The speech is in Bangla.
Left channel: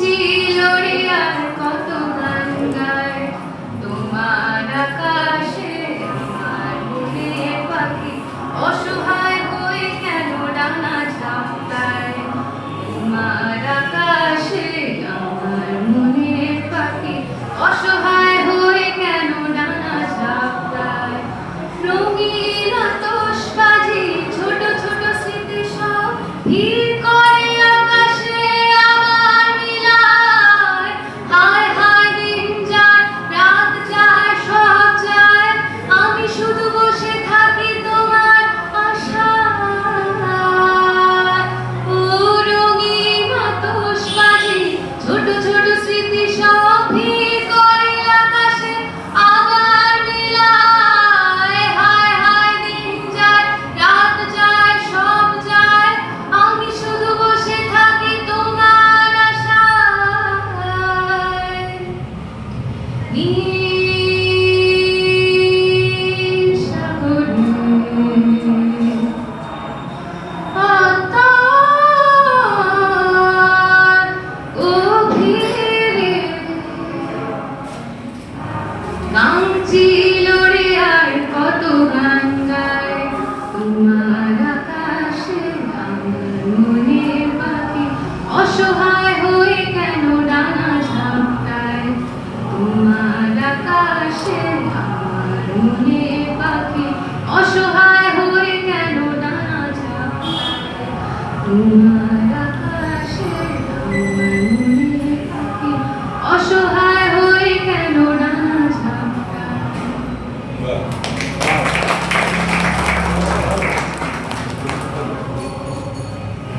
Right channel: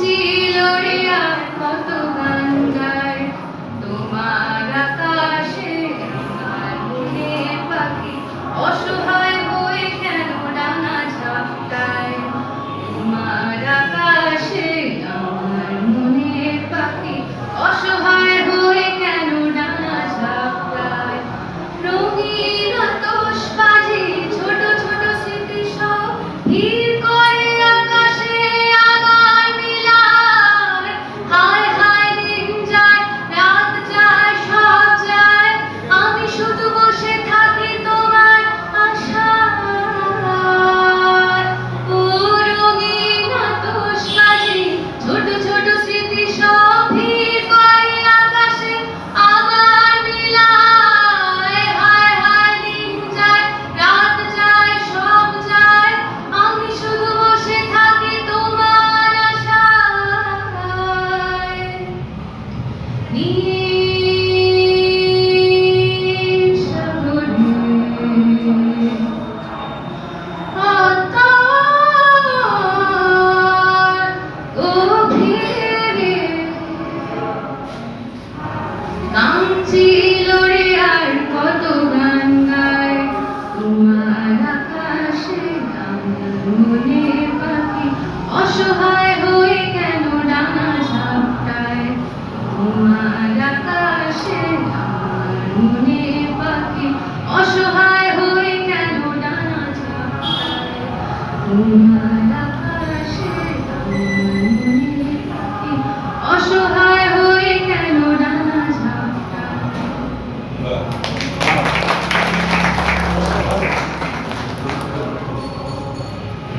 ছিল রে আর কত গান গায় তোমার আকাশে আমার মনে পাখি অসহায় হয়ে কেন ডানা ঝাপটায় তোমার আকাশে আমার মনে পাখি অসহায় হয়ে কেন ডানা ঝাপটায় রঙিন আতশবাজি ছোট ছোট স্মৃতি সব ভিড় করে আকাশে আমার মিলায় হায় হায় দিন যায় রাত যায় সব যায় আমি শুধু বসে থাকি তোমার আশায় ও রঙিন আতশবাজি ছোট ছোট স্মৃতি সব ভিড় করে আকাশে আমার মিলায় হায় হায় দিন যায় রাত যায় সব যায় আমি শুধু বসে থাকি তোমার আশায় নীল সাগর আকাশ গভীরে গান ছিল রে আর কত গান গায় তোমার আকাশে আমার মনে পাখি অসহায় হয়ে কেন ডানা ঝাপটায় তোমার আকাশে আমার মনে পাখি অসহায় হয়ে কেন ডানা ঝাপটায় তোমার